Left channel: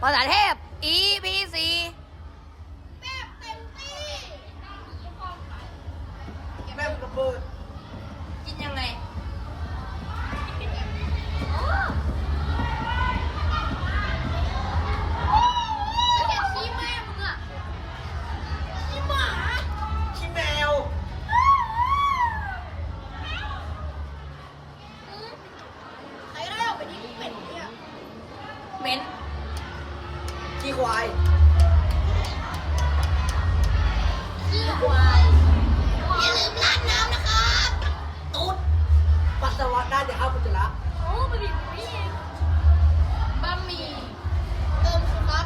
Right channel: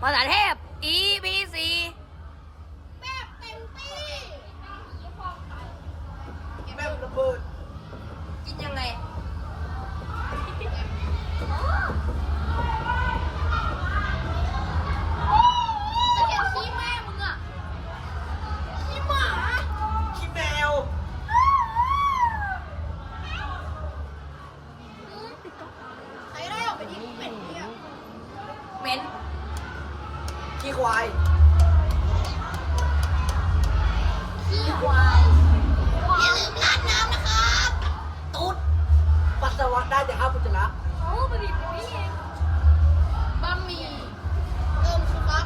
ภาษาเทพ E B C แบบเต็มที่แม่งระเบิดกินยังไง ขี้ควาย ขี้ควาย อย่าลืมราดน้ำนะครับ ตุ๊ด ปัสสาวะได้แต่ห้ามอุจจาระ โอ้บะหมี่หมูนี่เองบะหมี่เติมสุกัสค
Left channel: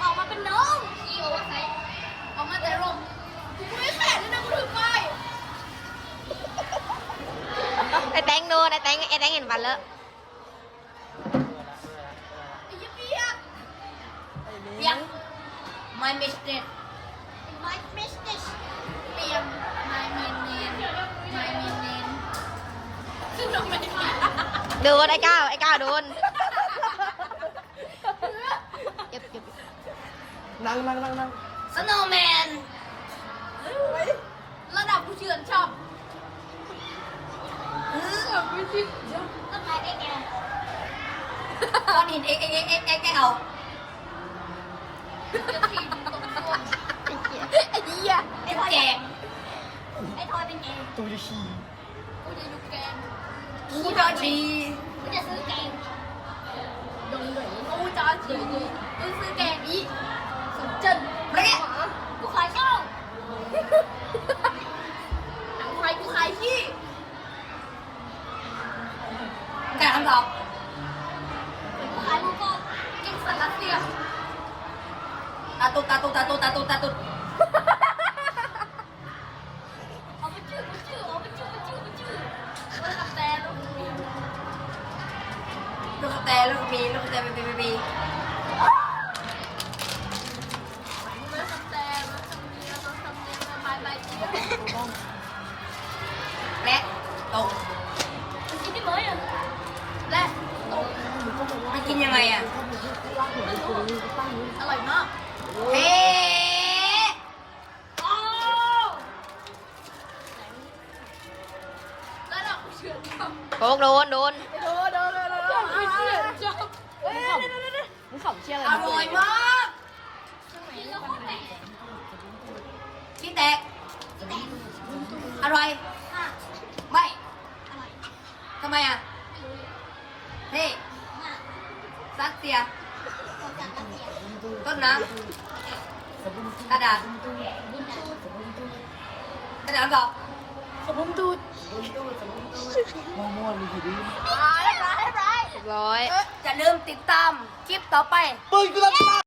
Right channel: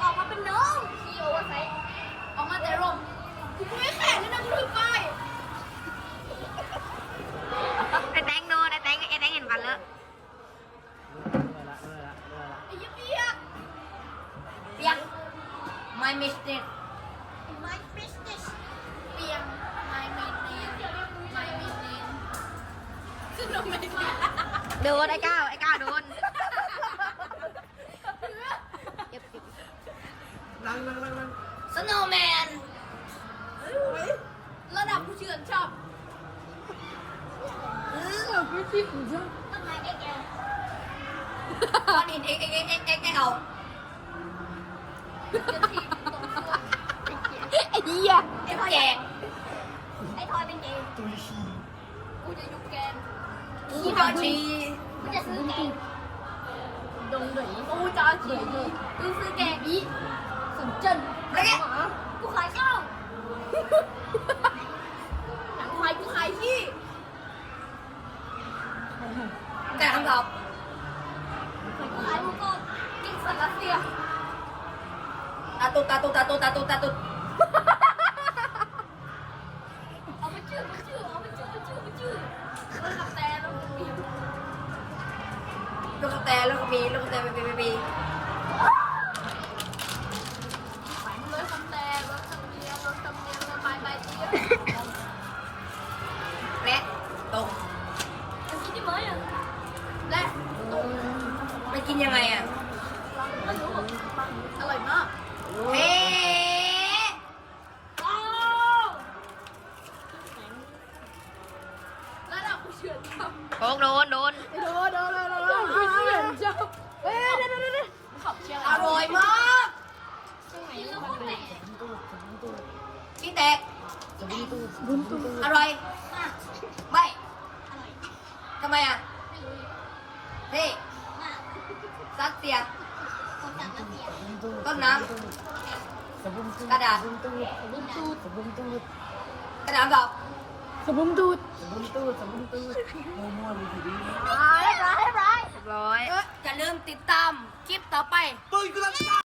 ออกมาเป็นน้องพี่โอเวอร์ไซส์ออกมาแต่ร่มกูไม่แข็งเลยนะกูถือป้ายไอ้แตงโดนไอ้แตงไอ้แตงเห็นฟันแล้วไอ้เหี้ยเปียกเปียก My mistake My business เปียก My main name My main name ขึ้นทำไมเนี่ยโดนไอ้ก้าวไอ้ก้าวโดนเก็บเก็บ นั่งนั่งนั่งนั่ง Snowman ระดับผู้เชื่อนชอบระดับผู้เชื่อนชอบต้นไม้เอ็กแอลก้อนหิน X X X X X L จะทีมตรงตัวไอ้เหี้ยไอ้แจกไอ้ทอยเป็นเองตุยชีกูจะยุกแกงกูจะชีกูจะซื้อแกงดงดงกูจะซื้อกูซื้อแกงอี สุนเจิ้นเละกูขายข้าวหนังควายกูขายขี้แต่คำตอบกูขายลูกก็กินสันรัสเซียตาตุตาตุตาตุตาตุตาตุเอาไปชื่อไปชื่อเอาไปชื่อไปชื่อไปชื่อเออกับแต่แล้วมีลูกกระแตลูกกระมีลูกกระแตปีปีปี ตกมันกินได้ไหมอะและตรงมันกินยังไงอะไม่รู้อร่อยมากเฮ้โอ้แล้วเรากูเชื่อชอบโคกโดนโดนโดนโดนโดนโดนชอบเอ้ยมึงขับเชี่ยอะไรอร่อยมากกินแล้วโคตรแปลกที่แตกอร่อย มาก ไม่ อร่อย ทำไมอะไม่รู้นี่ซัสเซียคนจากรัสเซียต้นน้ำกระดาษบุญชูกระดาษบอกมั่วๆเลยทีนี้ร้ายร้ายร้ายร้อยจะลืมติดตามคลิปต่อไป